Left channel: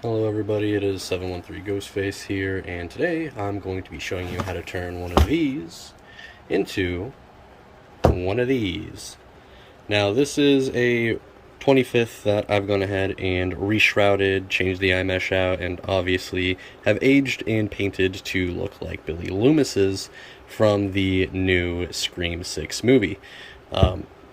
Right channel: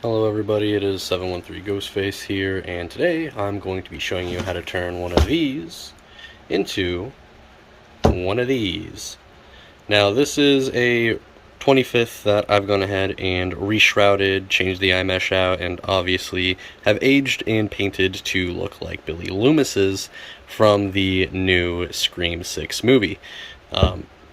Hello everybody, it is 713 Ghostface here, and today I'm going to be showing you how to turn one of these into one of these. Now this is a 25th that I've gone ahead and reshrouded, changed the eye mesh out, and obviously have aged and painted to look like Billy Loomis's from the new Scream 6 movie.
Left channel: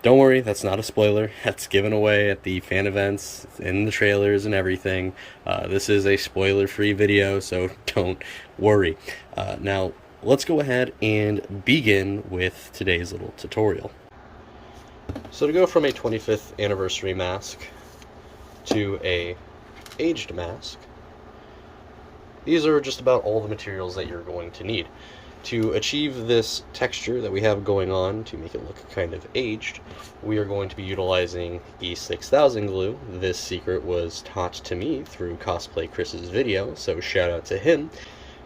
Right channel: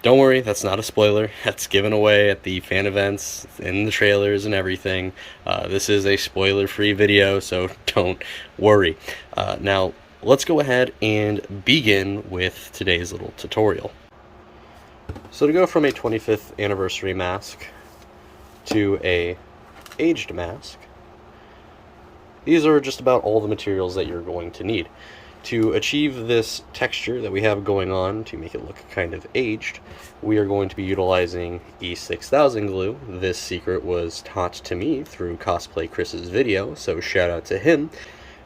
Don't worry, that's not a spoiler. That's given away at the fan events, in the trailers and everything. This is a spoiler-free video, so don't worry. Now, let's go ahead and begin with today's little tutorial. So to go from a 25th anniversary mask to a aged mask, these are just about all the materials that you're going to need. To achieve this texture that we have going on, to make it look kind of aged, we are going to be utilizing E6000 glue. This secret was taught to me through Cosplay Chris's video, so shout out to him.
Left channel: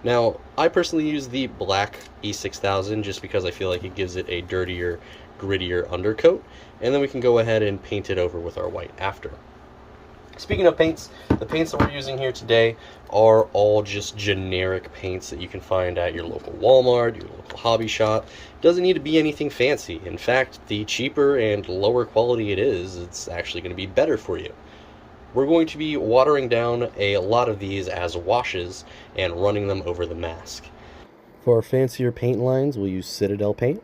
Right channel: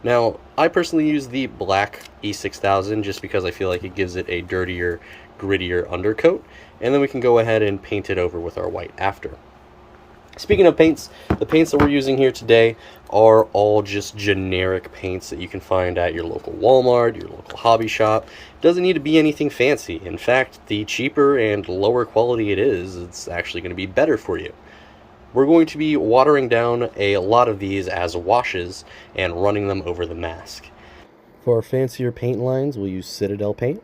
Now, I personally use the black E6000 just because I feel like it gives it a dirtier, grittier undercoat, and then we can go ahead and paint it over with our white after. Speaking of paints, the paints that we're using here today are all just generic paints that you can find at your local Walmart, your local hobby shop. It doesn't need to be anything fancy. In fact, the cheaper and lower quality it is, it's actually going to be better for you. We're going to be watering down a lot of these as washes and running them over the mask. For our fancier paint lines, we'll use Citadel paint,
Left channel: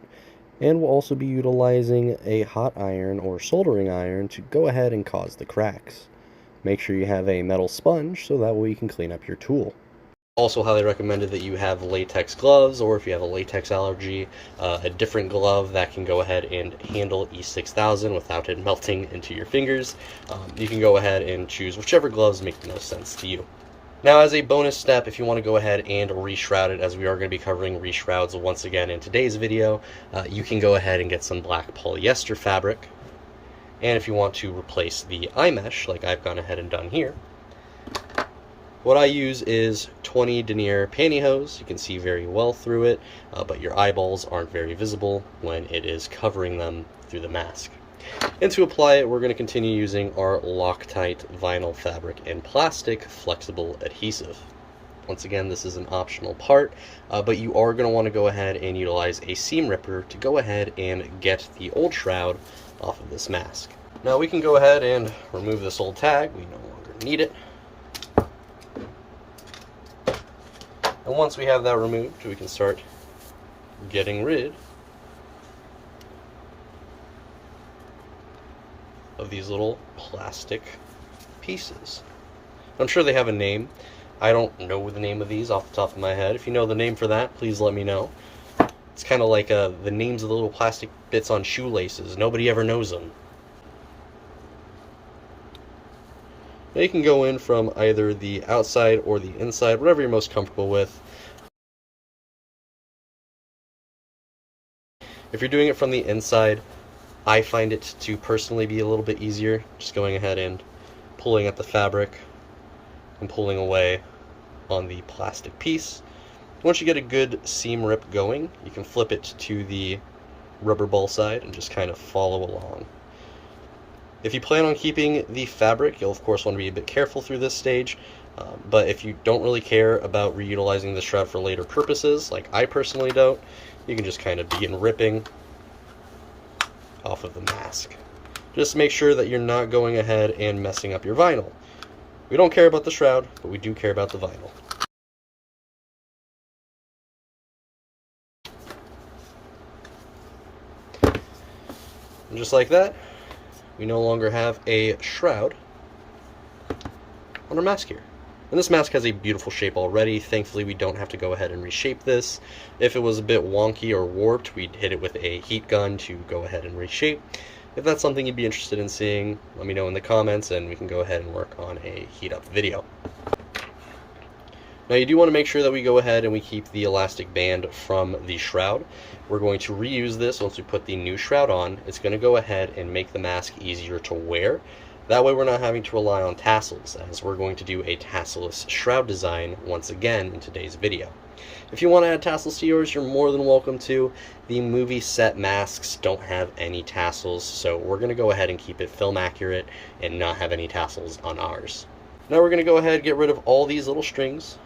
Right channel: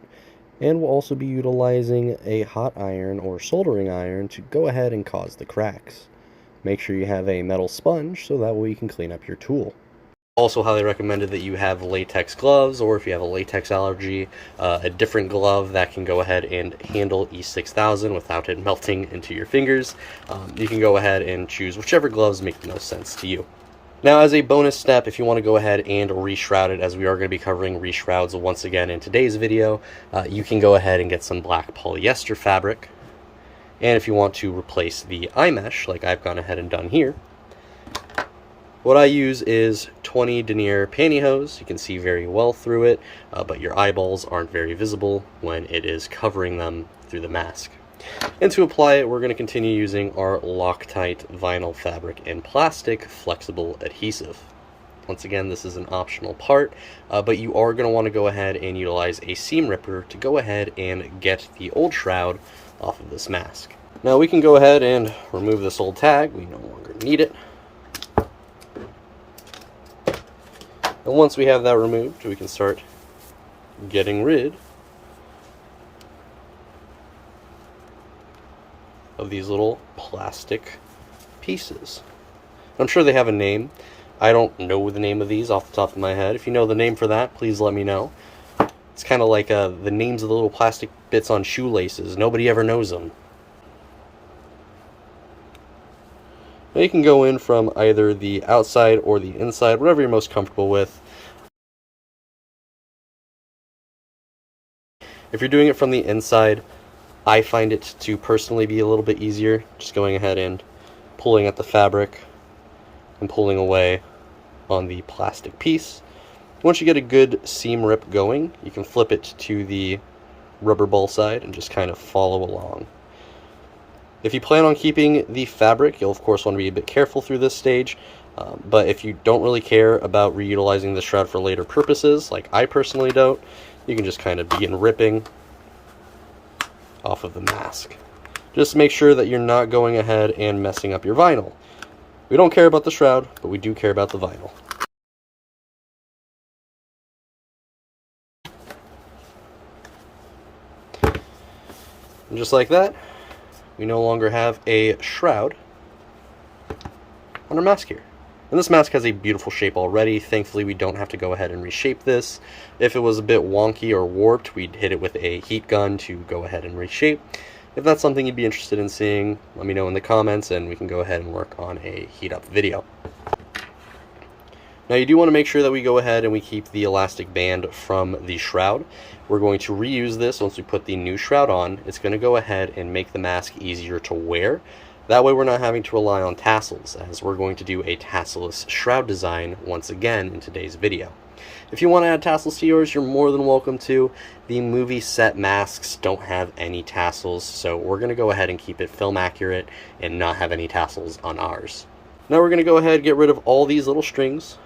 and we'll also be utilizing a hot iron or soldering iron to go ahead and cause the cracks. Make sure you have a metal sponge so that way you can clean up your tool. Also highly recommended that you have latex gloves, or if you have a latex allergy, a different glove that can go ahead and handle E6000 without it melting into your fingers. You can go ahead and choose whichever gloves make the most sense to you. Now, as a bonus step, if you want to go ahead and reshroud it, as we are going to be covering reshrouds once again in today's video, you can go ahead and get some black polyester fabric. And if you want to replace the eye mesh, like I've gone ahead and done here, what I use is 20 denier pantyhose. You can see very well through it, but your eyeballs aren't very visible when it is covering them through the mask. And to apply it, we're going to continue using our Loctite vinyl fabric and plastic flexible adhesive. Once again, this is an optional part, but you are going to want to go ahead and utilize a seam ripper to go ahead and get the old shroud off of this mask. Now we can go ahead and remove this old tag. We no longer need it. And once we have that removed, we can start getting rid of these little plastic pieces. I'm sure they have a name. I don't know the name of these off the top of my head. If you know the name for that, please let me know. It's kind of like the names of the little plastic bits on shoelaces. Nobody ever knows them. Now you can go in from either the outside or the inside, whatever you're most comfortable with. If you're doing it from the inside, I find it to personally be a little bit easier, just going ahead and pulling at the fabric and pulling away on the plastic piece. Once you get a good seam rip going, you can flip it to the rubber ball side and just kind of follow along. If you plan on keeping the fabric, you'll of course want to be a bit careful through this stage, but if you don't really care about reutilizing the shroud for later purposes, like I personally don't, you can just kind of begin ripping off of the mask. Just make sure that you're not going ahead and messing up your vinyl. We don't care about the shroud, but we do care about the vinyl. And just like that, we no longer have a shroud on our mask here. And this mask has a beautiful shape already. Thankfully, we don't have to go ahead and reshape this. If it was a bit wonky or warped, we'd hit it with a heat gun to go ahead and reshape. If that's something you'd be interested in seeing, let me know in the comments and we can go ahead and work on a heat up video. Now you do want to make sure that we go ahead and we keep the elastic band from the shroud. We're going to reuse this once we put the new shroud on. It's going to go ahead and make the mask easier to wear. That way we're not having to rely on tassels, as we're going to do a tasselless shroud design once again in today's video. If you want to add tassels to yours, you're more than welcome to. The movie set masks don't have any tassels, so we're going to go ahead and keep it film accurate and not have any tassels on ours. Now we're going to go ahead and get rid of all these little strings.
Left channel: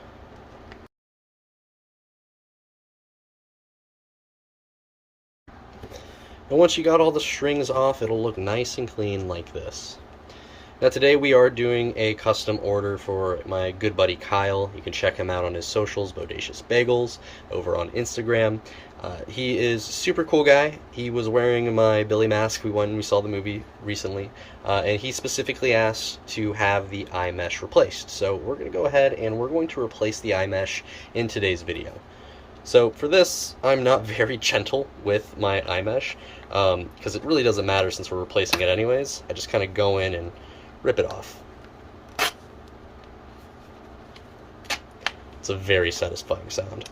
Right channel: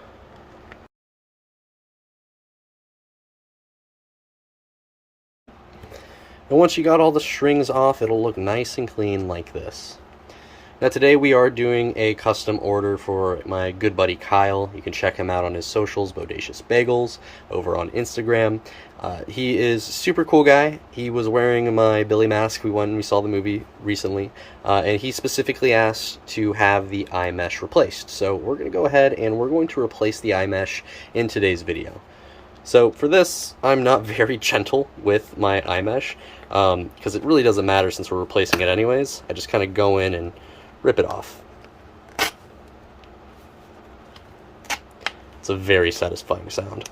And once you got all the strings off, it'll look nice and clean like this. Now today we are doing a custom order for my good buddy Kyle. You can check him out on his socials, Bodacious Bagels, over on Instagram. He is a super cool guy. He was wearing my Billy mask we saw the movie recently, and he specifically asked to have the eye mesh replaced. So we're going to go ahead and we're going to replace the eye mesh in today's video. So for this, I'm not very gentle with my eye mesh, because it really doesn't matter since we're replacing it anyways. I just kind of go in and rip it off. It's a very satisfying sound.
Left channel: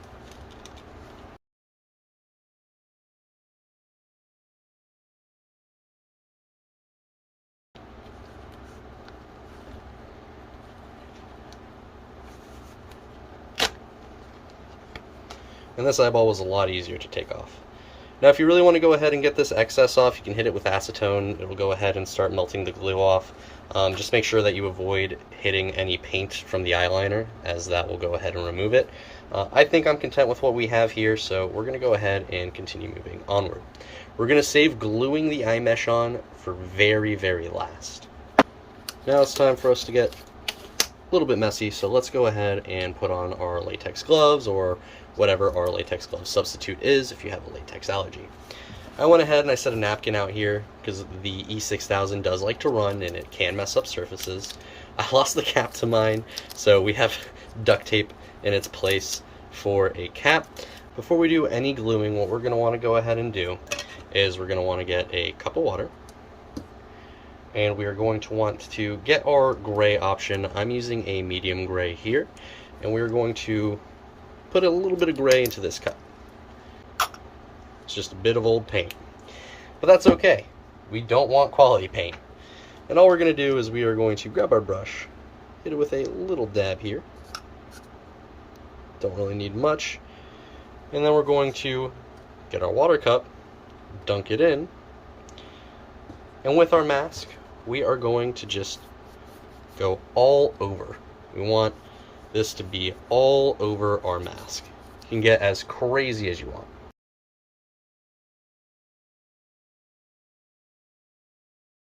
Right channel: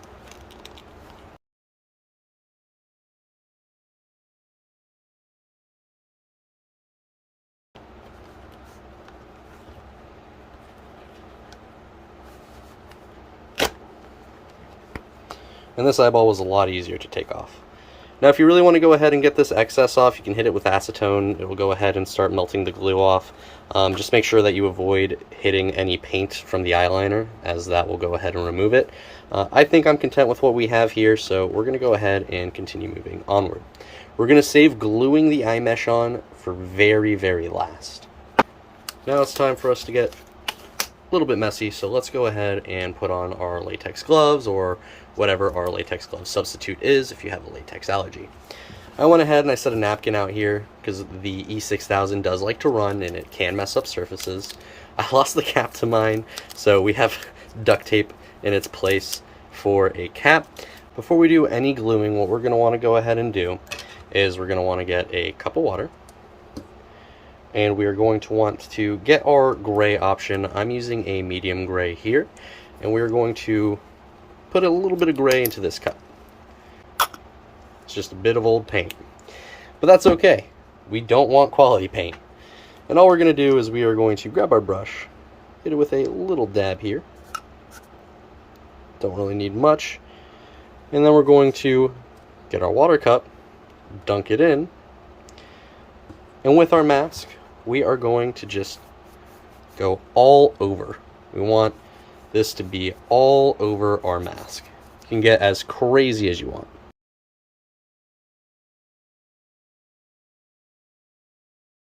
And this eyeball was a lot easier to take off. Now if you really want to go ahead and get this excess off, you can hit it with acetone. It will go ahead and start melting the glue off. Just make sure that you avoid hitting any paint from the eyeliner, as that will go ahead and remove it. I think I'm content with what we have here, so we're going to go ahead and continue moving onward. We're going to save gluing the eye mesh on for very, very last. Now it's time for us to get a little bit messy, so let's go ahead and put on our latex gloves, or whatever our latex glove substitute is if you have a latex allergy. I went ahead and I set a napkin out here because the E6000 does like to run and it can mess up surfaces. I lost the cap to mine, so we have duct tape in its place for a cap. Before we do any gluing, what we're going to want to go ahead and do is we're going to want to get a cup of water, and we are going to want to get our gray option. I'm using a medium gray here, and we're going to put a little bit of gray into this cup. It's just a bit of old paint, but that's okay. We don't want quality paint. And all we're going to do is we are going to grab our brush, hit it with a little dab here. Don't really need much. And then we're going to get our water cup, dunk it in, and with our mask, we are going to just go all over. We want this to be all over our mask. You can get as crazy as you want.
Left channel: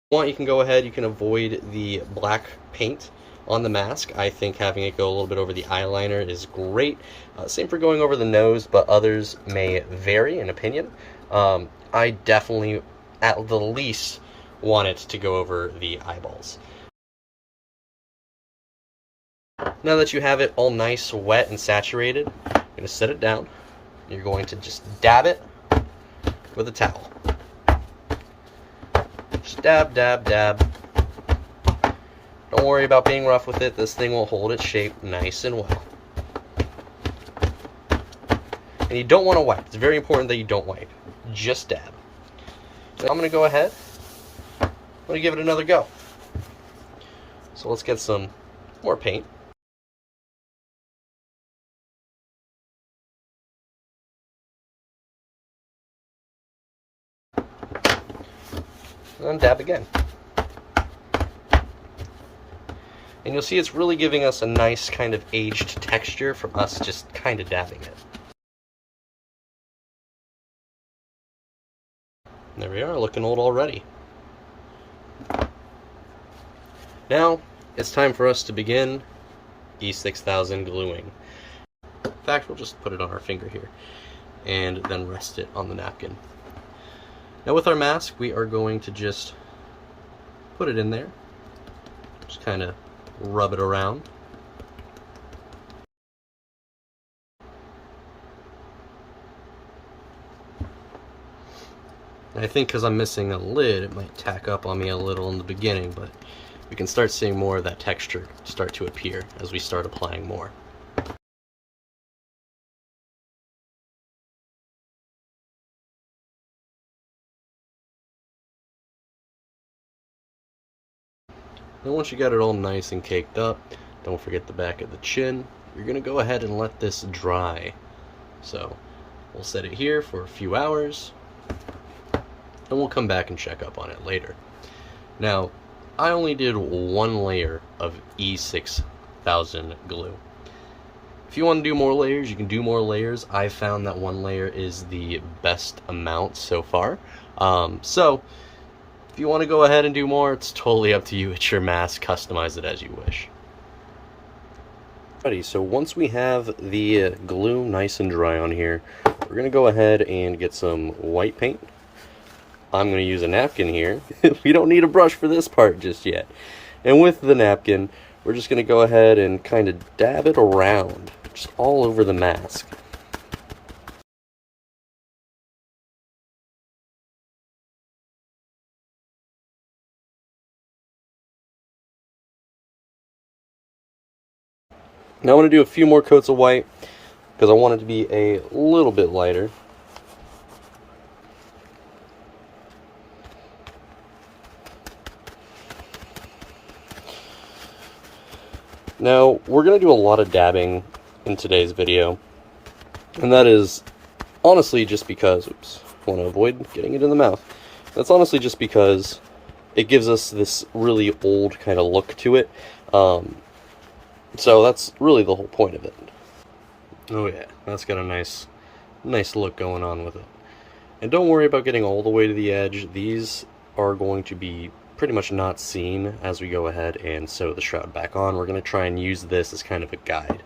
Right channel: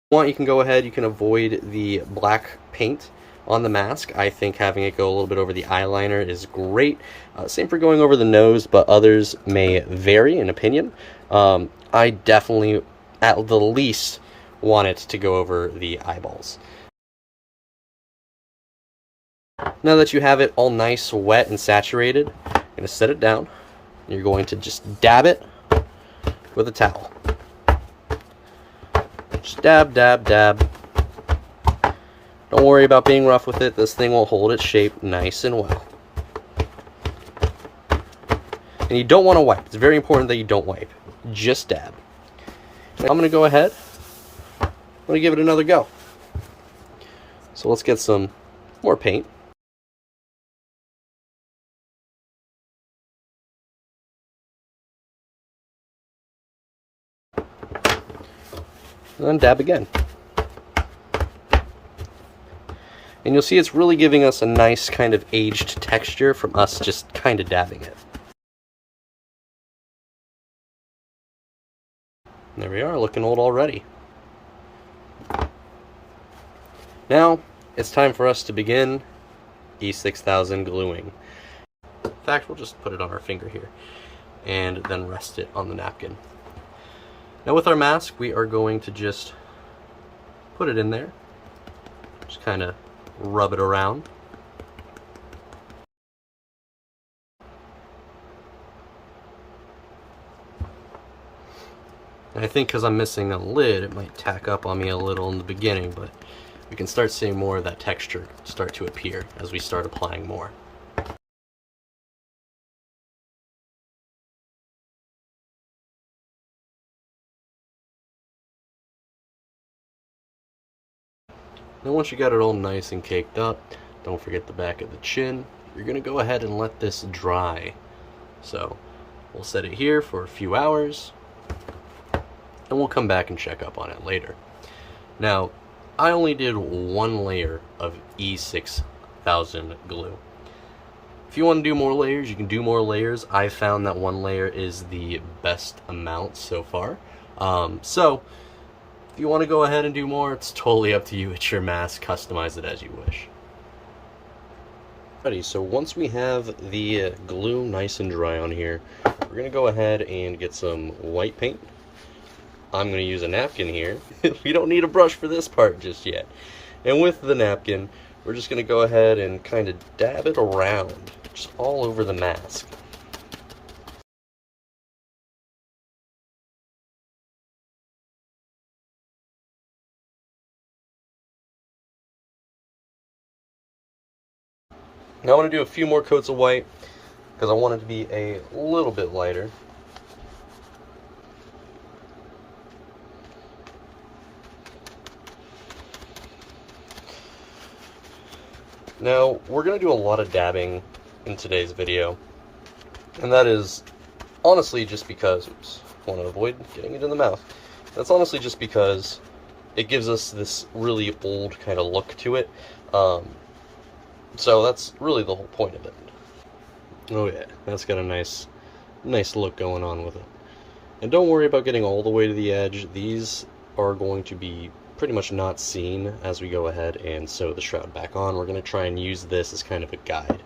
You can go ahead, you can avoid the black paint on the mask. I think having it go a little bit over the eyeliner is great. Same for going over the nose, but others may vary in opinion. I definitely, at the least, want it to go over the eyeballs. Now that you have it all nice, wet, and saturated, you're going to set it down. You're going to just dab it with a towel. Just dab, dab, dab. Don't worry about being rough with it. This thing will hold its shape nice and well. And you don't want to wipe. It's very important that you don't wipe. Just dab. Now I'm going to go ahead. I'm going to give it another go. So let's get some more paint. And then dab again. And you'll see it's really giving us a nice kind of aged texture from us just kind of dabbing it. There we are, looking old already. Now, it's time for us to begin E6000 gluing. In fact, we'll just put it on our finger here and then rest it on the napkin. Now with our mask, we are going to just put it in there. Just kind of rub it around. And I think because I'm missing a lid, it might tack up on me a little in the beginning, but we can start seeing more of that texture start to appear as we start applying more. And once you got it all nice and caked up, don't forget the back of the chin. You're going to go ahead and let this dry. So we'll set it here for a few hours, and we'll come back and check up on it later. Now, I only did one layer of E6000 glue. If you want to do more layers, you can do more layers. I've found that one layer is the best amount so far. So if you want to go ahead and do more, it's totally up to you. It's your mask. Customize it as you wish. Alrighty, so once we have the glue nice and dry on here, we're going to go ahead and get some white paint. I'm going to use a napkin here. We don't need a brush for this part just yet. And with the napkin, we're just going to go ahead and kind of dab it around, just all over the mask. Now I want to do a few more coats of white, because I want it to be a little bit lighter. Now, we're going to do a lot of dabbing in today's video, and that is honestly just because, oops, I want to avoid getting it in the mouth. That's honestly just because it gives us this really old kind of look to it, so that's really the whole point of it. Oh yeah, that's got a nice look going on with it. And don't worry about getting all the way to the edge. These are going to be pretty much not seen as we go ahead and sew the shroud back on. We're going to try and use this as kind of a guide.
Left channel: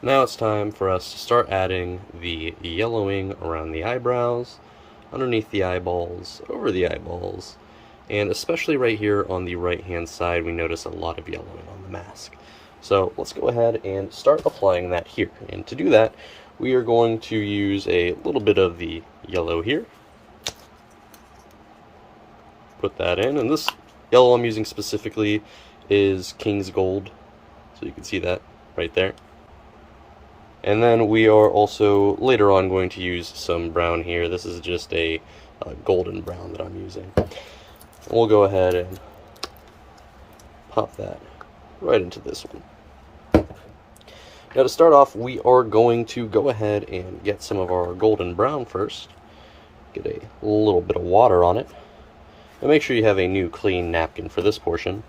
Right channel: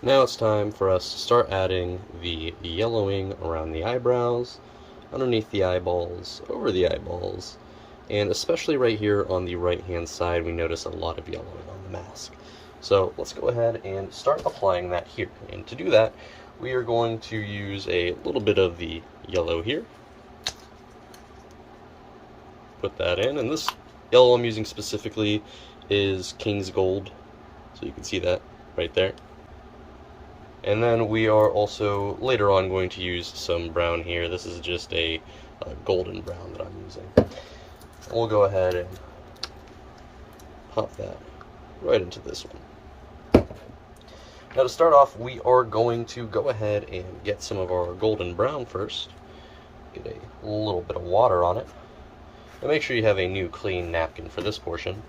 Now it's time for us to start adding the yellowing around the eyebrows, underneath the eyeballs, over the eyeballs, and especially right here on the right hand side we notice a lot of yellowing on the mask. So let's go ahead and start applying that here. And to do that, we are going to use a little bit of the yellow here. Put that in, and this yellow I'm using specifically is King's Gold, so you can see that right there. And then we are also later on going to use some brown here. This is just a golden brown that I'm using. And we'll go ahead and pop that right into this one. Now to start off, we are going to go ahead and get some of our golden brown first. Get a little bit of water on it. And make sure you have a new clean napkin for this portion.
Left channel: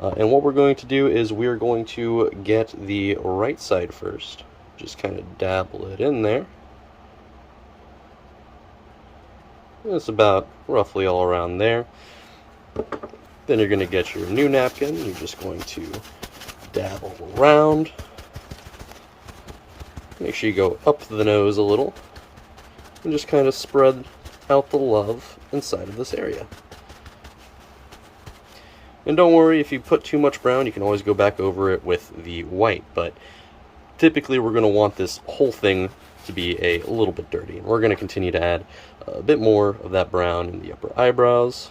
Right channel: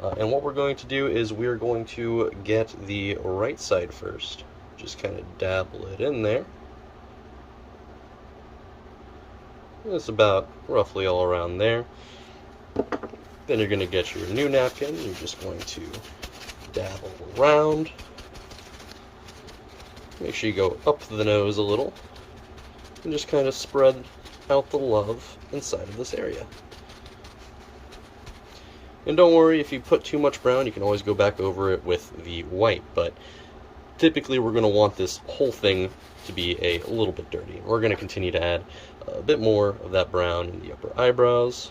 And what we're going to do is we're going to get the right side first. Just kind of dabble it in there. It's about roughly all around there. Then you're going to get your new napkin. You're just going to dabble around. Make sure you go up to the nose a little. And just kind of spread out the love inside of this area. And don't worry, if you put too much brown, you can always go back over it with the white, but typically we're going to want this whole thing to be a little bit dirty. And we're going to continue to add a bit more of that brown in the upper eyebrows,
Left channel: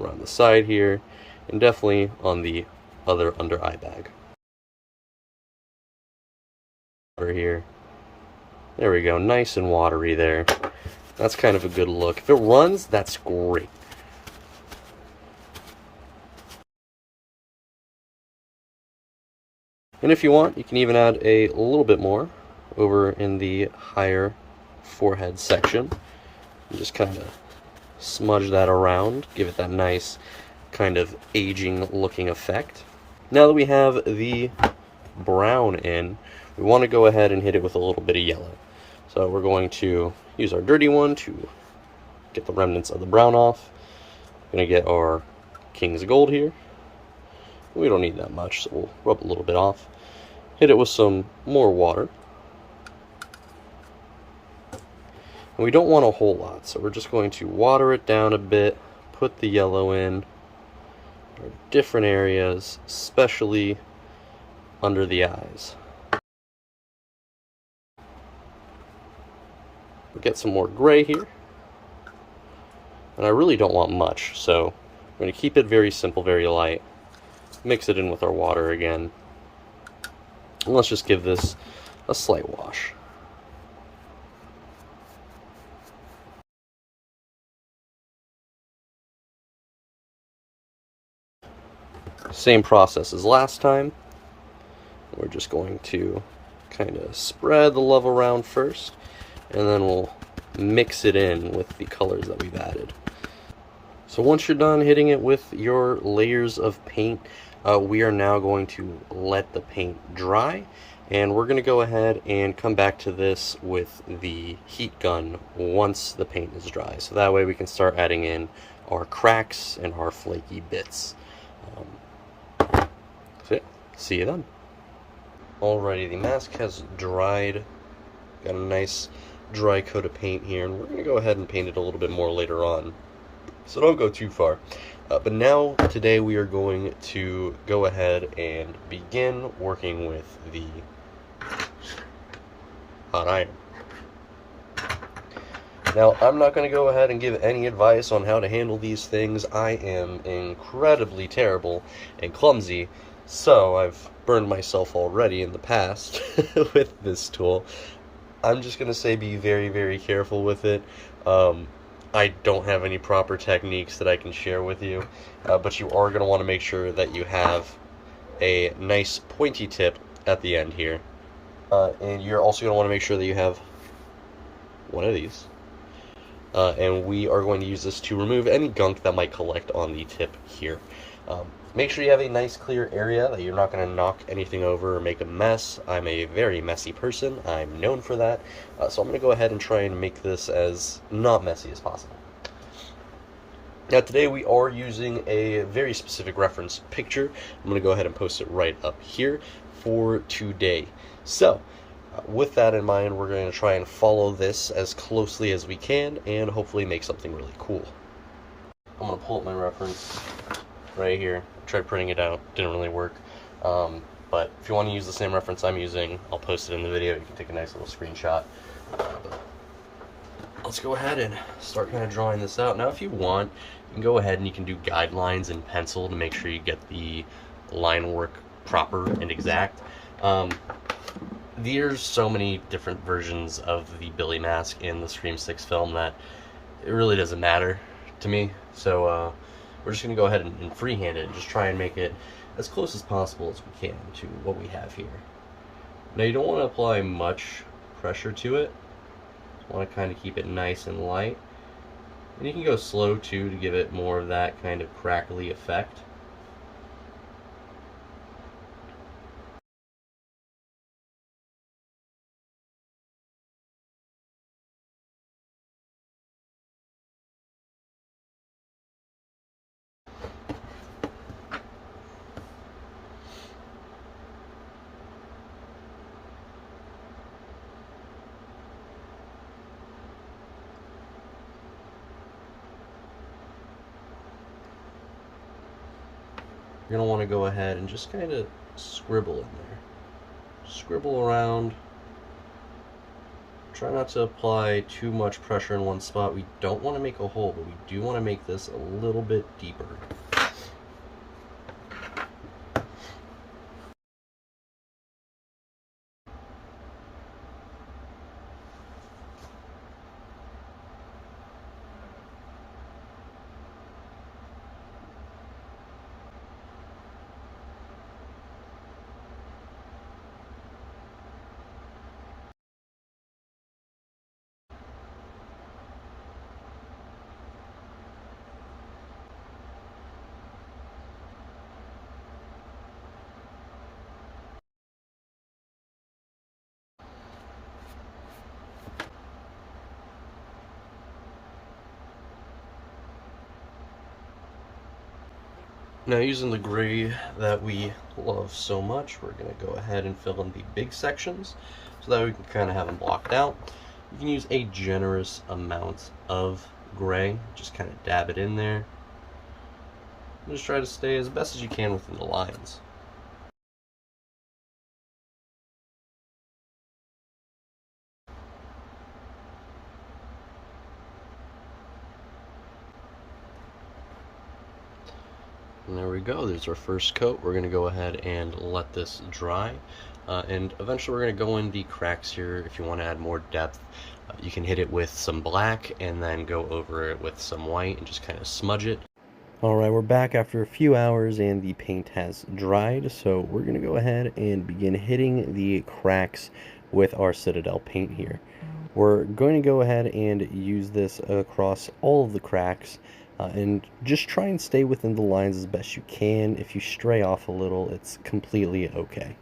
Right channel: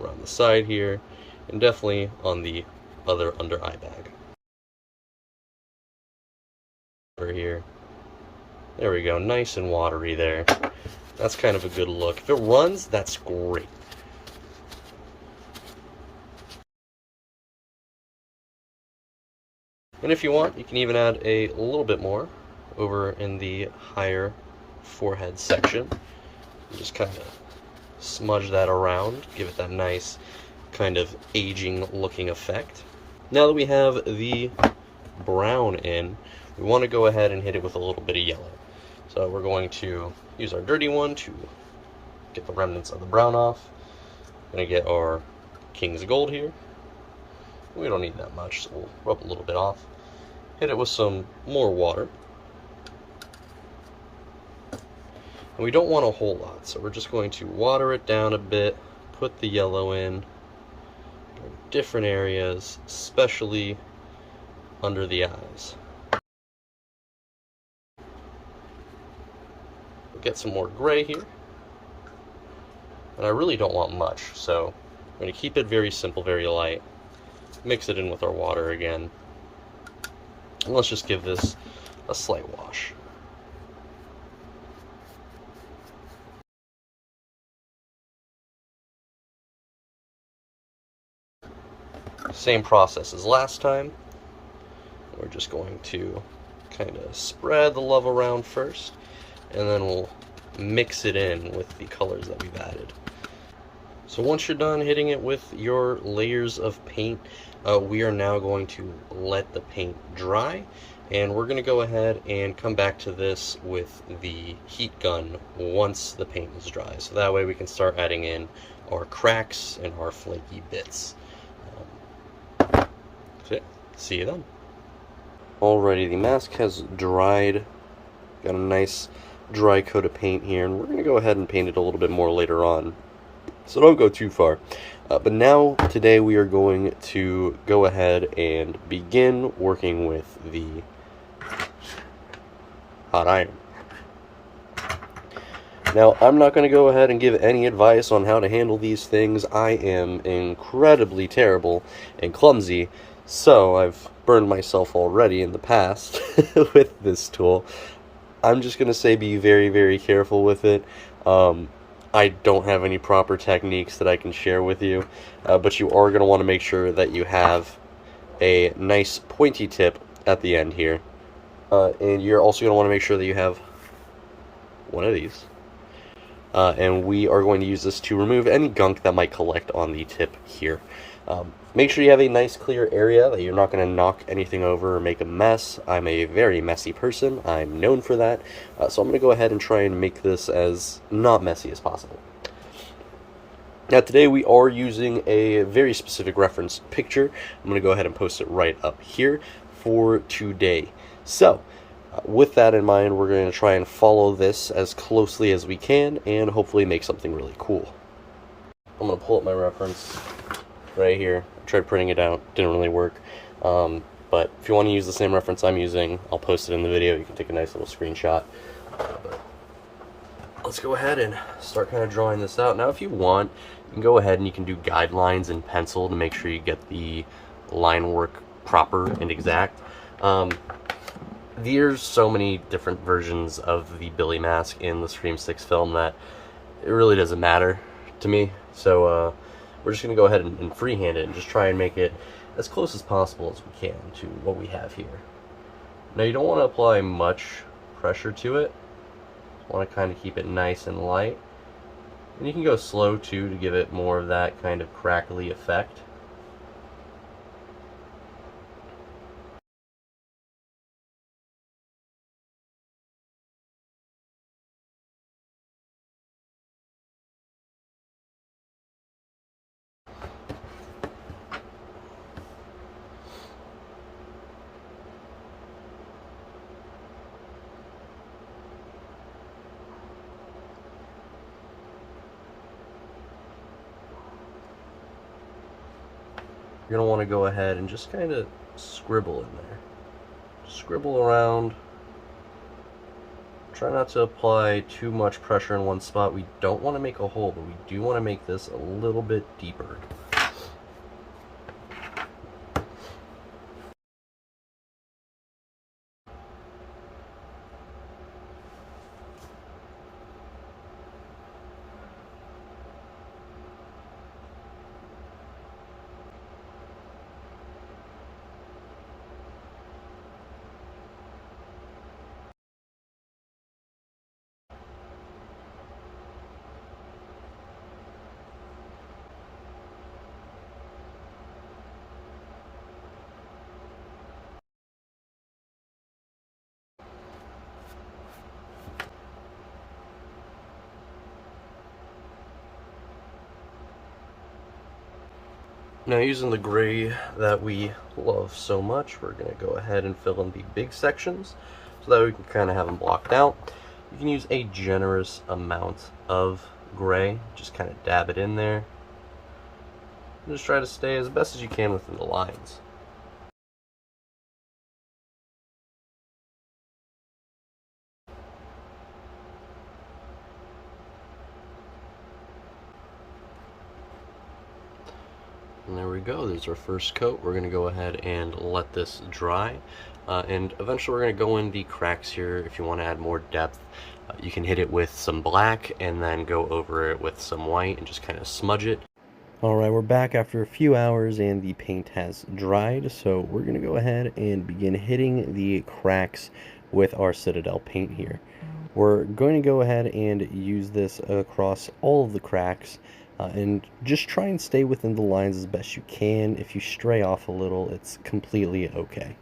around the side here, and definitely on the other under eye bag. Over here. There we go, nice and watery there. That's kind of a good look. If it runs, that's great. And if you want, you can even add a little bit more over in the higher forehead section. And just kind of smudge that around, give it that nice kind of aging looking effect. Now that we have the brown in, we want to go ahead and hit it with a little bit of yellow. So we're going to use our dirty one to get the remnants of the brown off. We're going to get our King's Gold here. We don't need that much, so we'll rub a little bit off. Hit it with some more water. And we don't want a whole lot, so we're just going to water it down a bit, put the yellow in different areas, especially under the eyes. We'll get some more gray here. And I really don't want much, so I'm going to keep it very simple, very light. Mix it in with our water again. And let's just give this a slight wash. Same process as last time. We're just going to kind of spread the love around first, and then we'll mix it in with the colors that we've added. So once you're done hitting it with your layers of paint, we are now going to let the paint dry, and we're going to go ahead and come back to this with the heat gun once the paint is dry. So that way we can start adding in our cracks and our flaky bits. So yeah, see you then. Alrighty, the mask has dried. Got a nice dry coat of paint here, and we're going to go ahead and paint it a little bit more later on. So don't go too far. But now, today, we are going to go ahead and begin working with the hot iron. Now, I'm not going to go ahead and give any advice on how to handle these things. I am incredibly terrible and clumsy, so I've burned myself already in the past with this tool. I'm just going to say be very, very careful with it. I don't have any proper techniques that I can share with you, but you are going to want to make sure that you have a nice pointy tip at the end here. And you're also going to want to make sure that you have one of these. And we are going to use this to remove any gunk that might collect on the tip here. Make sure you have a nice clear area, that you're not going to knock anything over or make a mess. I'm a very messy person. I'm known for that. So I'm going to go ahead and try and make this as not messy as possible. Now today we are using a very specific reference picture. I'm going to go ahead and post it right up here for today. So with that in mind, we're going to try and follow this as closely as we can and hopefully make something really cool. I'm going to pull up my reference right here. I tried printing it out, didn't really work. But if you want to use the same reference I'm using, I'll post it in the video. You can take a nice little screenshot. But let's go ahead and start kind of drawing this out. Now if you want, you can go ahead and you can do guidelines in pencil to make sure you get the line work proper and exact. There's so many different versions of the Billy mask in the Scream 6 film that it really doesn't matter to me. So we're just going to go ahead and freehand it and just try and make it as close as possible as we can to what we have here. Now you don't want to apply much pressure to it. You want to kind of keep it nice and light. And you can go slow too to give it more of that kind of crackly effect. You're going to want to go ahead and just kind of scribble in there. Scribble around. Try not to apply too much pressure in one spot. We don't want to make a hole, but we do want to make this a little bit deeper. Now using the gray that we love so much, we're going to go ahead and fill in the big sections so that we can kind of have them blocked out. You can use a generous amount of gray, just kind of dab it in there. And just try to stay as best as you can within the lines. And there we go, there's our first coat. We're going to go ahead and let this dry. And eventually we're going to go in the cracks here. If you want to add more depth, you can hit it with some black and then go over it with some white and just kind of smudge it. Alright, we're back after a few hours and the paint has dried. So we're going to go ahead and begin hitting the cracks with our Citadel paint here. We're going to go ahead and use this across all of the cracks. and just try and stay within the lines as best you can. If you stray off a little, it's completely okay.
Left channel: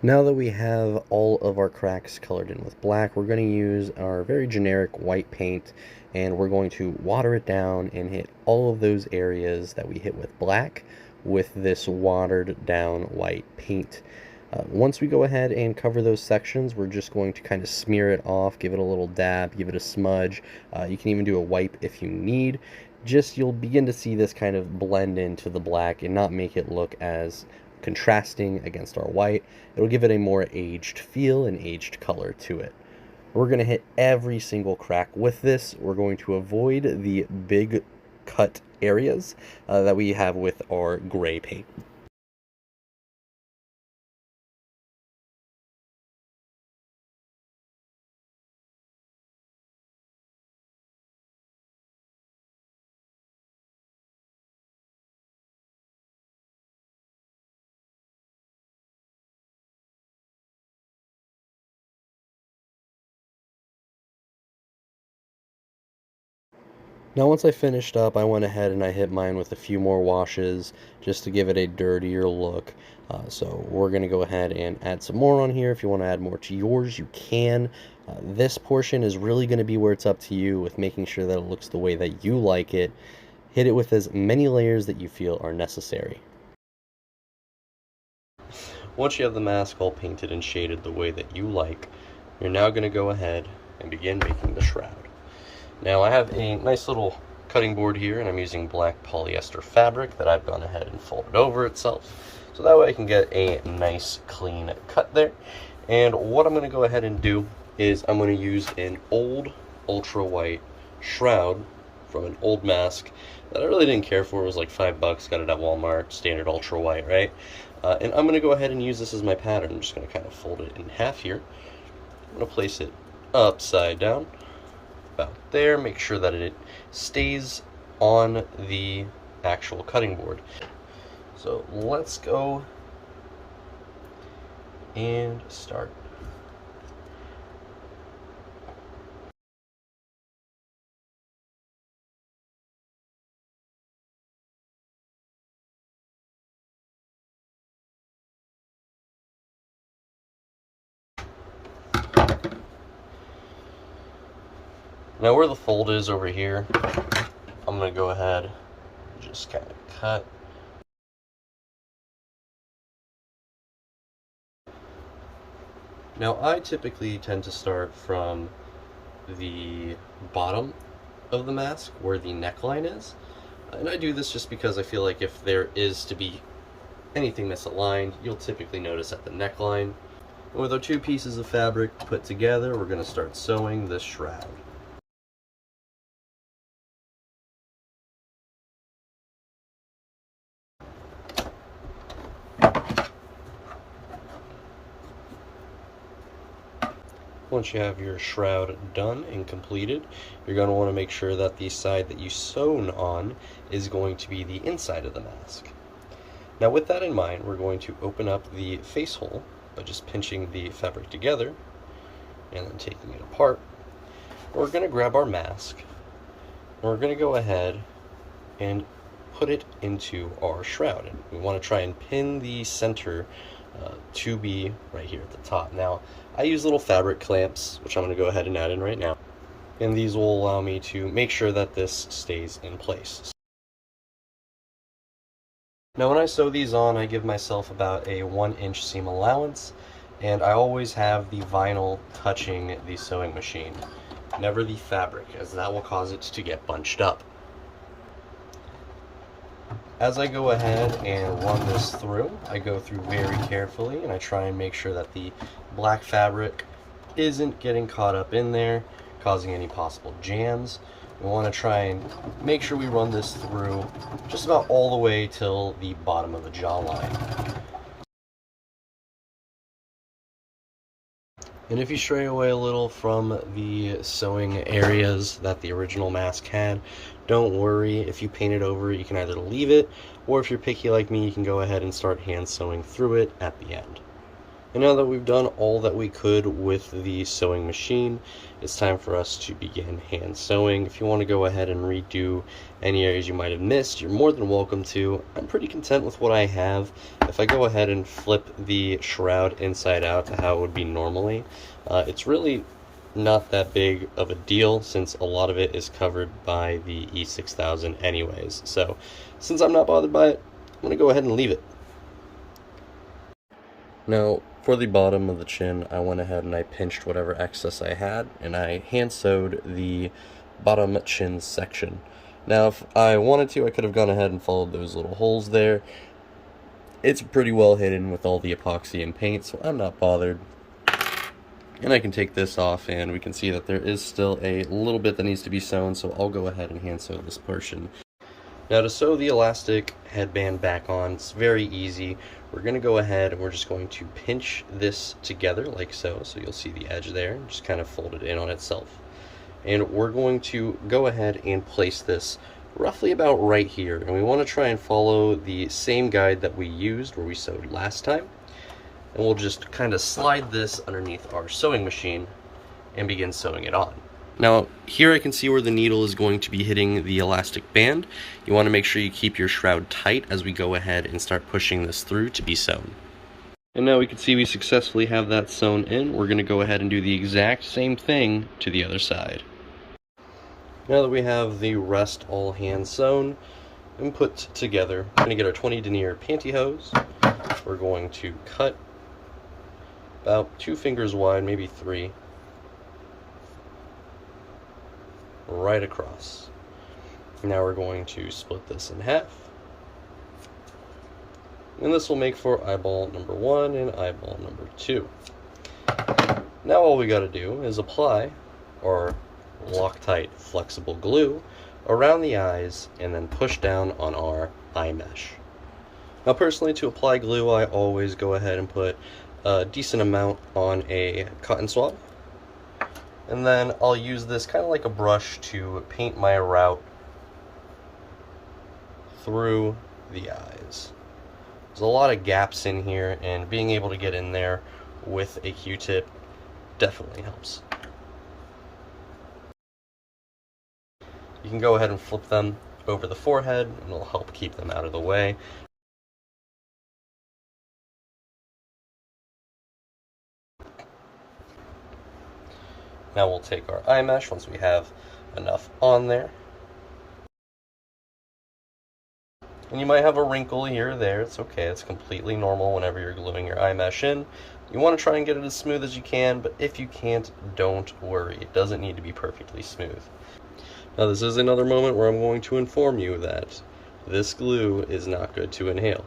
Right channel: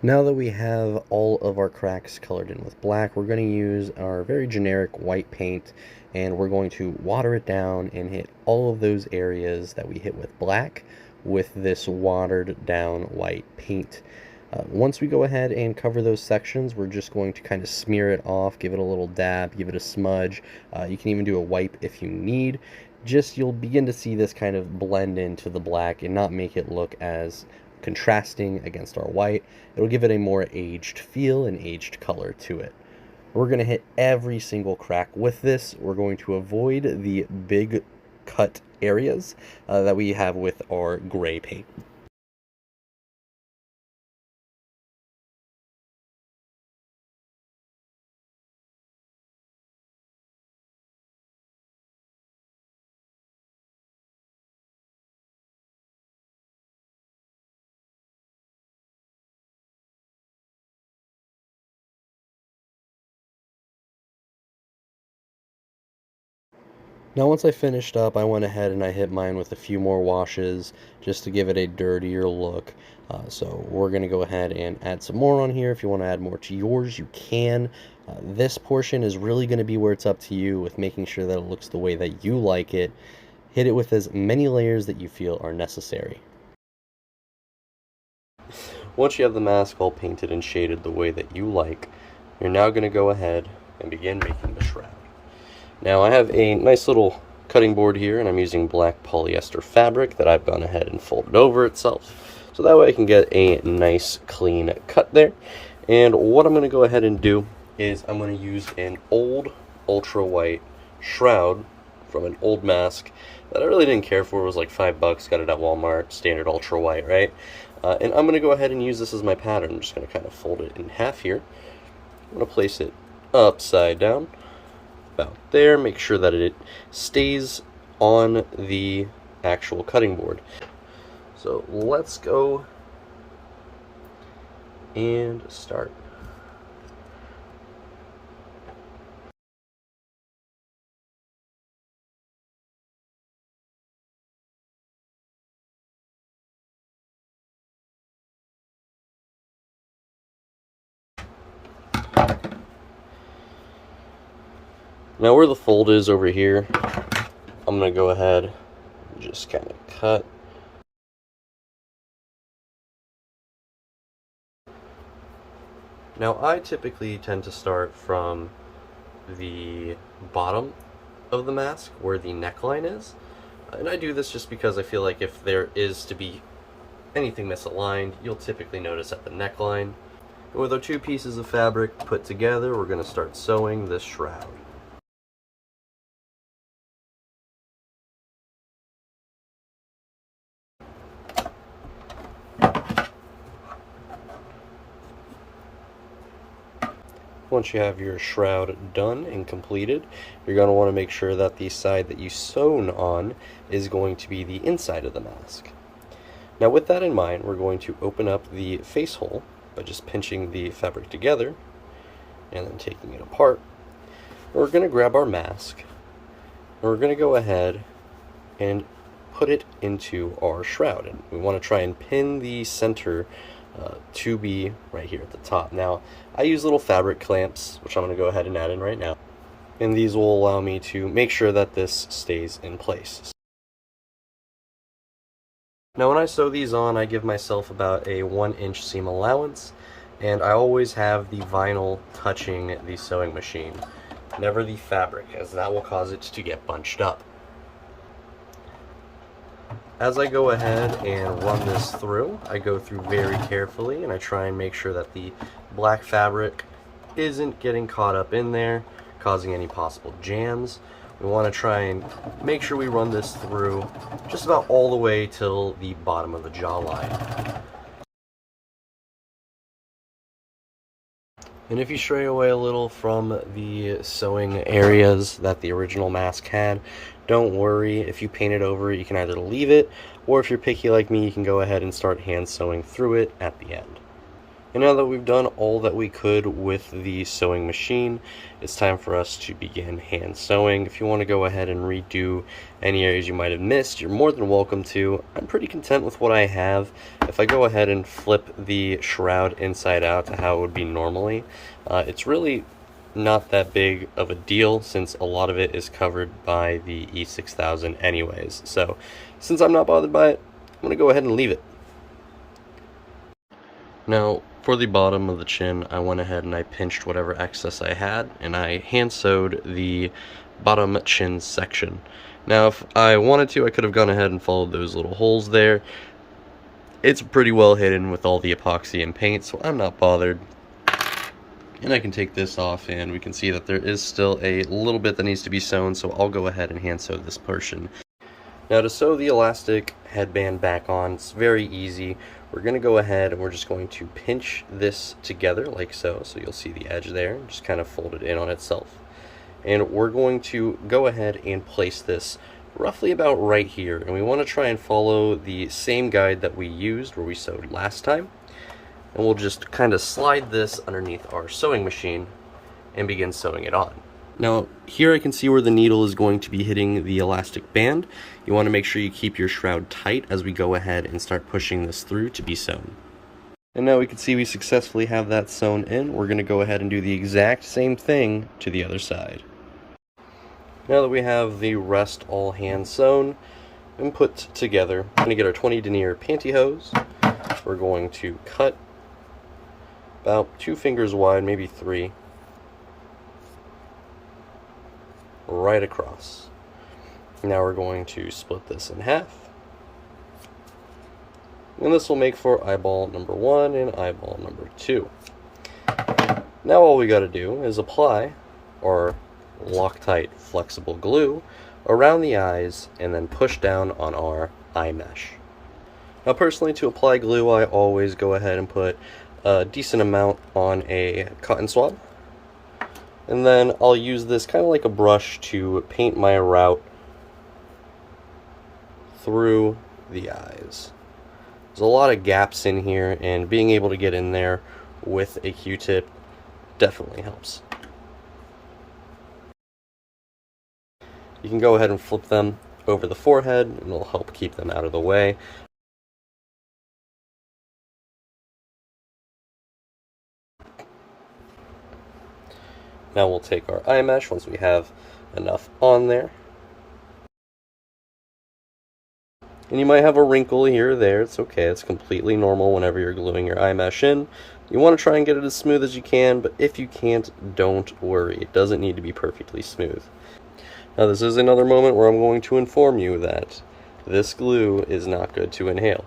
Now that we have all of our cracks colored in with black, we're going to use our very generic white paint, and we're going to water it down and hit all of those areas that we hit with black with this watered down white paint. Once we go ahead and cover those sections, we're just going to kind of smear it off, give it a little dab, give it a smudge. You can even do a wipe if you need. Just you'll begin to see this kind of blend into the black and not make it look as contrasting against our white. It'll give it a more aged feel and aged color to it. We're going to hit every single crack with this. We're going to avoid the big cut areas that we have with our gray paint. Now once I finished up, I went ahead and I hit mine with a few more washes just to give it a dirtier look. So we're going to go ahead and add some more on here. If you want to add more to yours, you can. This portion is really going to be where it's up to you with making sure that it looks the way that you like it. Hit it with as many layers that you feel are necessary. Once you have the mask all painted and shaded the way that you like, you're now going to go ahead and begin making the shroud. Now I have a nice little cutting board here, and I'm using black polyester fabric that I've gone ahead and folded over itself, so that way I can get a nice clean cut there. And what I'm going to go ahead and do is I'm going to use an old ultra white shroud from an old mask that I really didn't care for. It was like $5, got it at Walmart, standard ultra white, right? And I'm going to go ahead and use this as my pattern. I'm just going to kind of fold it in half here. I'm going to place it upside down about there, make sure that it stays on the actual cutting board. So let's go and start. Now where the fold is over here, I'm going to go ahead and just kind of cut. Now I typically tend to start from the bottom of the mask where the neckline is. And I do this just because I feel like if there is to be anything that's aligned, you'll typically notice at the neckline. And with our two pieces of fabric put together, we're going to start sewing this shroud. Once you have your shroud done and completed, you're going to want to make sure that the side that you sewn on is going to be the inside of the mask. Now with that in mind, we're going to open up the face hole by just pinching the fabric together and then taking it apart. We're going to grab our mask and we're going to go ahead and put it into our shroud. And we want to try and pin the center to be right here at the top. Now, I use little fabric clamps, which I'm going to go ahead and add in right now. And these will allow me to make sure that this stays in place. Now when I sew these on, I give myself about a 1-inch seam allowance, and I always have the vinyl touching the sewing machine, never the fabric, as that will cause it to get bunched up. As I go ahead and run this through, I go through very carefully and I try and make sure that the black fabric isn't getting caught up in there, causing any possible jams. We want to try and make sure we run this through just about all the way till the bottom of the jawline. And if you stray away a little from the sewing areas that the original mask had, don't worry. If you paint it over, you can either leave it, or if you're picky like me, you can go ahead and start hand sewing through it at the end. And now that we've done all that we could with the sewing machine, it's time for us to begin hand sewing. If you want to go ahead and redo any areas you might have missed, you're more than welcome to. I'm pretty content with what I have. If I go ahead and flip the shroud inside out to how it would be normally, it's really not that big of a deal since a lot of it is covered by the E6000 anyways. So since I'm not bothered by it, I'm going to go ahead and leave it. Now for the bottom of the chin, I went ahead and I pinched whatever excess I had and I hand sewed the bottom chin section. Now if I wanted to, I could have gone ahead and followed those little holes there. It's pretty well hidden with all the epoxy and paint, so I'm not bothered. And I can take this off and we can see that there is still a little bit that needs to be sewn, so I'll go ahead and hand sew this portion. Now to sew the elastic headband back on, it's very easy. We're going to go ahead and we're just going to pinch this together like so, so you'll see the edge there, and just kind of fold it in on itself. And we're going to go ahead and place this roughly about right here, and we want to try and follow the same guide that we used where we sewed last time. And we'll just kind of slide this underneath our sewing machine and begin sewing it on. Now, here I can see where the needle is going to be hitting the elastic band. You want to make sure you keep your shroud tight as we go ahead and start pushing this through to be sewn. And now we can see we successfully have that sewn in. We're going to go ahead and do the exact same thing to the other side. Now that we have the rest all hands sewn and put together, we're going to get our 20 denier pantyhose. We're going to cut about 2 fingers wide, maybe 3, right across. Now we're going to split this in half. And this will make for eyeball number 1 and eyeball number 2. Now all we got to do is apply our Loctite flexible glue around the eyes and then push down on our eye mesh. Now personally, to apply glue, I always go ahead and put a decent amount on a cotton swab. And then I'll use this kind of like a brush to paint my route through the eyes. There's a lot of gaps in here, and being able to get in there with a Q-tip definitely helps. You can go ahead and flip them over the forehead, and it'll help keep them out of the way. Now we'll take our eye mesh once we have enough on there. And you might have a wrinkle here or there. It's okay. It's completely normal whenever you're gluing your eye mesh in. You want to try and get it as smooth as you can, but if you can't, don't worry. It doesn't need to be perfectly smooth. Now this is another moment where I'm going to inform you that this glue is not good to inhale.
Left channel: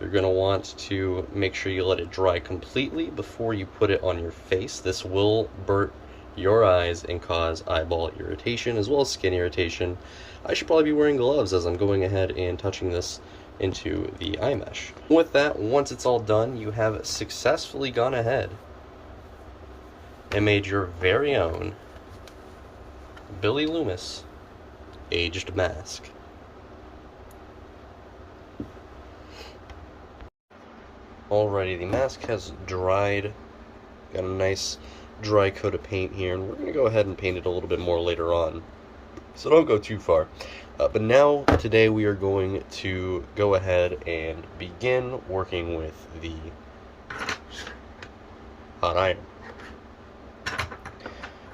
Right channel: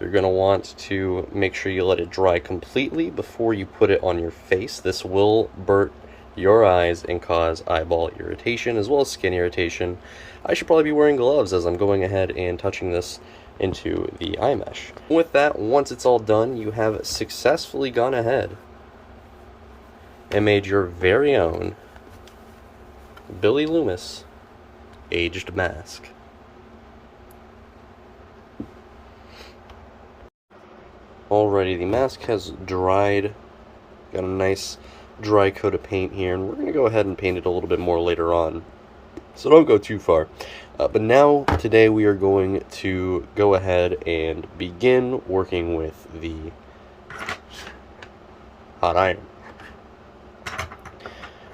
You're going to want to make sure you let it dry completely before you put it on your face. This will burn your eyes and cause eyeball irritation as well as skin irritation. I should probably be wearing gloves as I'm going ahead and touching this into the eye mesh. With that, once it's all done, you have successfully gone ahead and made your very own Billy Loomis aged mask. Alrighty, the mask has dried. Got a nice dry coat of paint here, and we're going to go ahead and paint it a little bit more later on, so don't go too far. But now, today, we are going to go ahead and begin working with the hot iron.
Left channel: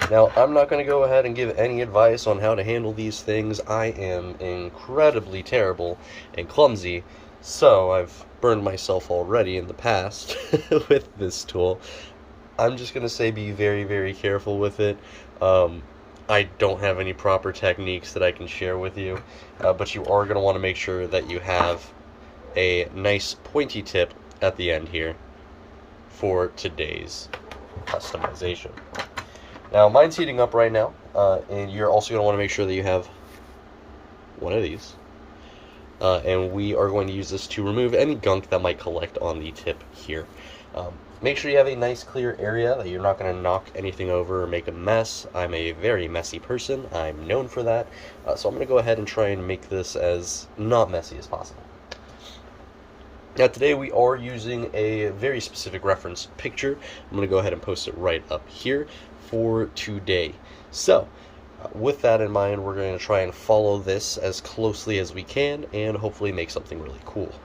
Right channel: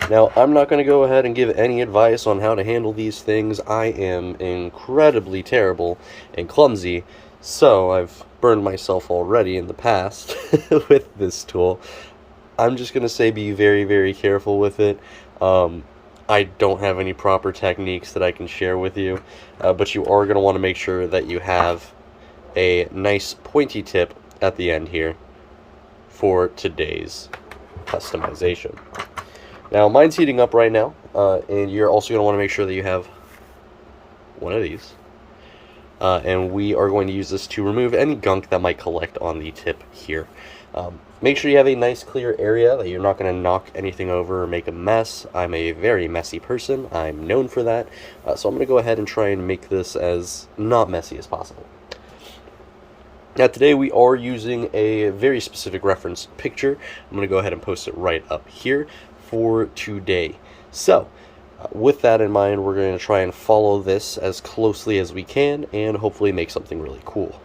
Now, I'm not going to go ahead and give any advice on how to handle these things. I am incredibly terrible and clumsy, so I've burned myself already in the past with this tool. I'm just going to say be very, very careful with it. I don't have any proper techniques that I can share with you, but you are going to want to make sure that you have a nice pointy tip at the end here for today's customization. Now, mine's heating up right now, and you're also going to want to make sure that you have one of these. And we are going to use this to remove any gunk that might collect on the tip here. Make sure you have a nice clear area, that you're not going to knock anything over or make a mess. I'm a very messy person. I'm known for that. So I'm going to go ahead and try and make this as not messy as possible. Now today we are using a very specific reference picture. I'm going to go ahead and post it right up here for today. So with that in mind, we're going to try and follow this as closely as we can and hopefully make something really cool.